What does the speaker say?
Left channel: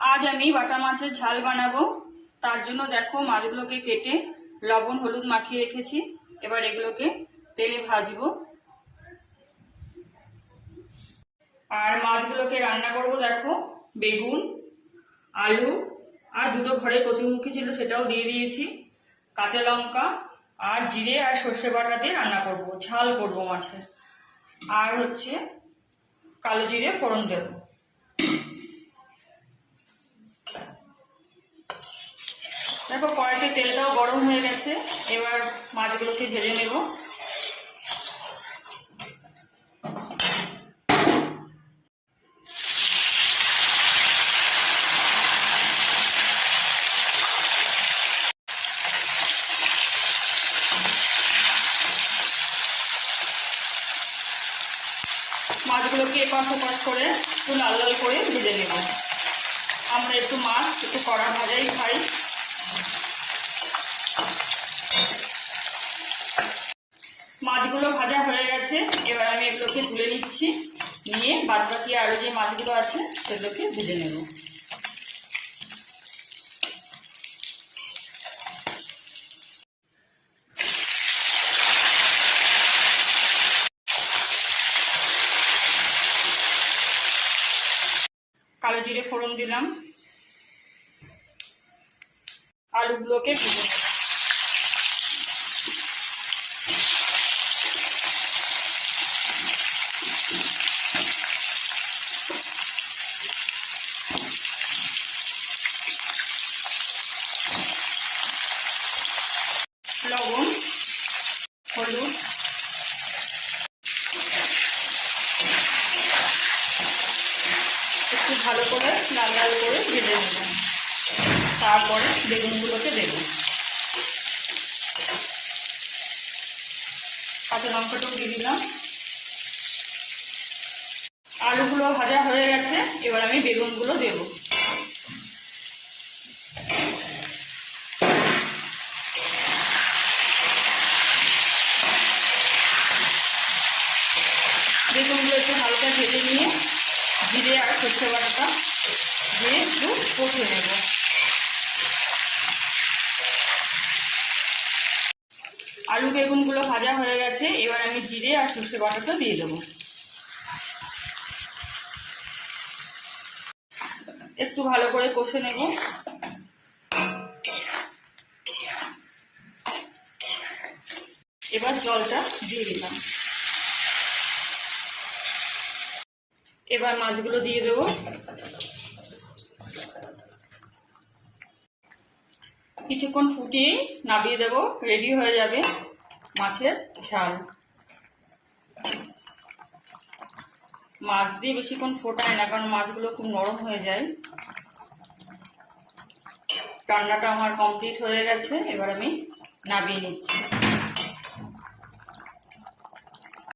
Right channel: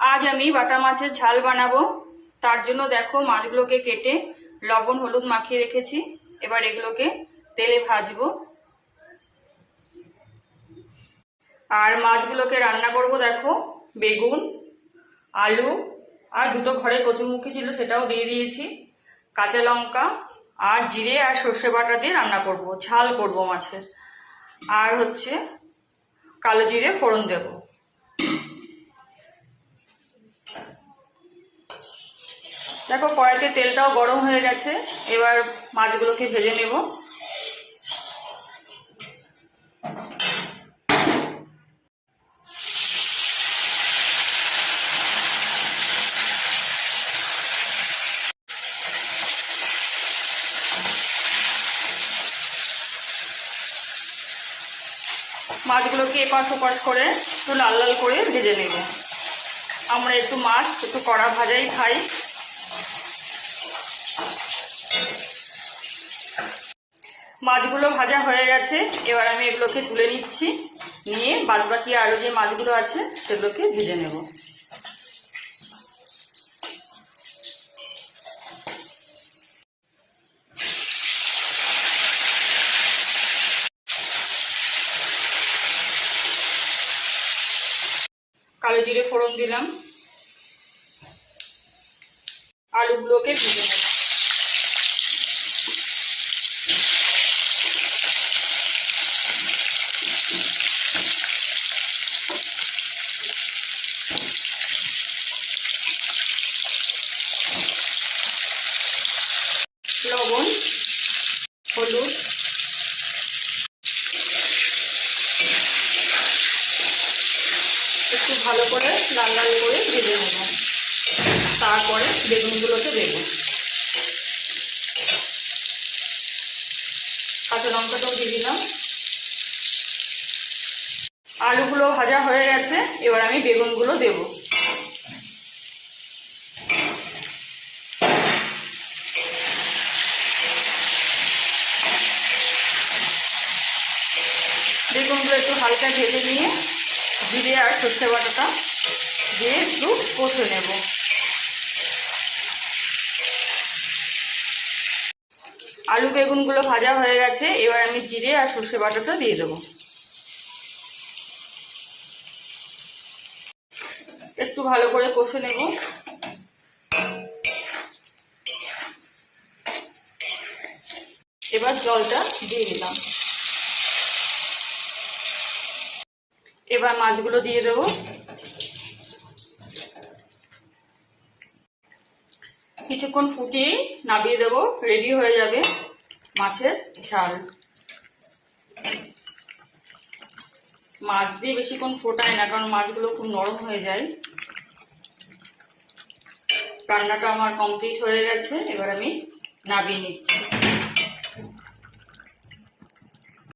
আজ আমি বাটা মাছের ঝাল বানাবো। তার জন্য দেখো মাছগুলোকে কেটে লবণ হলুদ মাখিয়ে রেখেছি। এবার এগুলোকে তেলে ভাজবো। আর মাছগুলোকে রান্না করব দেখো বেগুন, আলু আর দুটো ঘরে কচুরমুখী ছিল সেটাও দিয়ে দিয়েছি, কাঁচা লঙ্কা আর জিরে আর সর্ষে বাটা দিয়ে রান্না করব, ঝাল করব মাছের। আর হচ্ছে কালো জিরে ফোড়ন দেব। দেখো কড়াইতে তেলটাও গরম হয়ে গেছে। এবার মাছগুলোকে ভেজে নেব। মাছগুলোকে এপাশ ওপাশ করে একটু লাল লাল করে ভেজে নেব। আমরা একটু মাছ একটু কড়া ভাজাই খাই। মাছগুলো ভাজা হয়ে গেছে। এবার আমি এগুলোকে তুলে নিচ্ছি, নিয়ে বাদবাকি আরও যে মাছগুলো আছে সেগুলোকে ভেজে নেব। কালো জিরে ফোড়ন দিলাম, আলুগুলোকে ভেজে নেব। লবণ হলুদ একটু ভালো করে লাল লাল করে ভেজে নেব। তারপরে বেগুনগুলোকে দেব। কাঁচা লঙ্কাটাও দিয়ে দিলাম। আলুগুলো ভাজা হয়ে গেছে। এবার আমি বেগুনগুলো দেব। বেগুনগুলো একটু হালকা ভেজে নিয়ে জিরে আর সর্ষে বাটাটা দিয়ে একটু কষে নেব। আলু বেগুনগুলো ভাজা হয়ে গেছে। এবার আমি জিরে আর সর্ষে বাটাটা দিয়ে দেবো। একটু ভালো করে কষে নেব। এবার জলটা দিয়ে দিলাম। এবার মাছগুলো দিয়ে দেবো। কিছুক্ষণ ফুটিয়ে নামিয়ে দেবো। রেডি হয়ে যাবে মাছের ঝাল। মাছ দিয়ে বেশিক্ষণ ফোটায় না, কারণ মাছগুলো খুব নরম হয়ে যায়। রান্নাটা আমার কমপ্লিট হয়ে গেছে। এবার আমি নামিয়ে নিচ্ছি।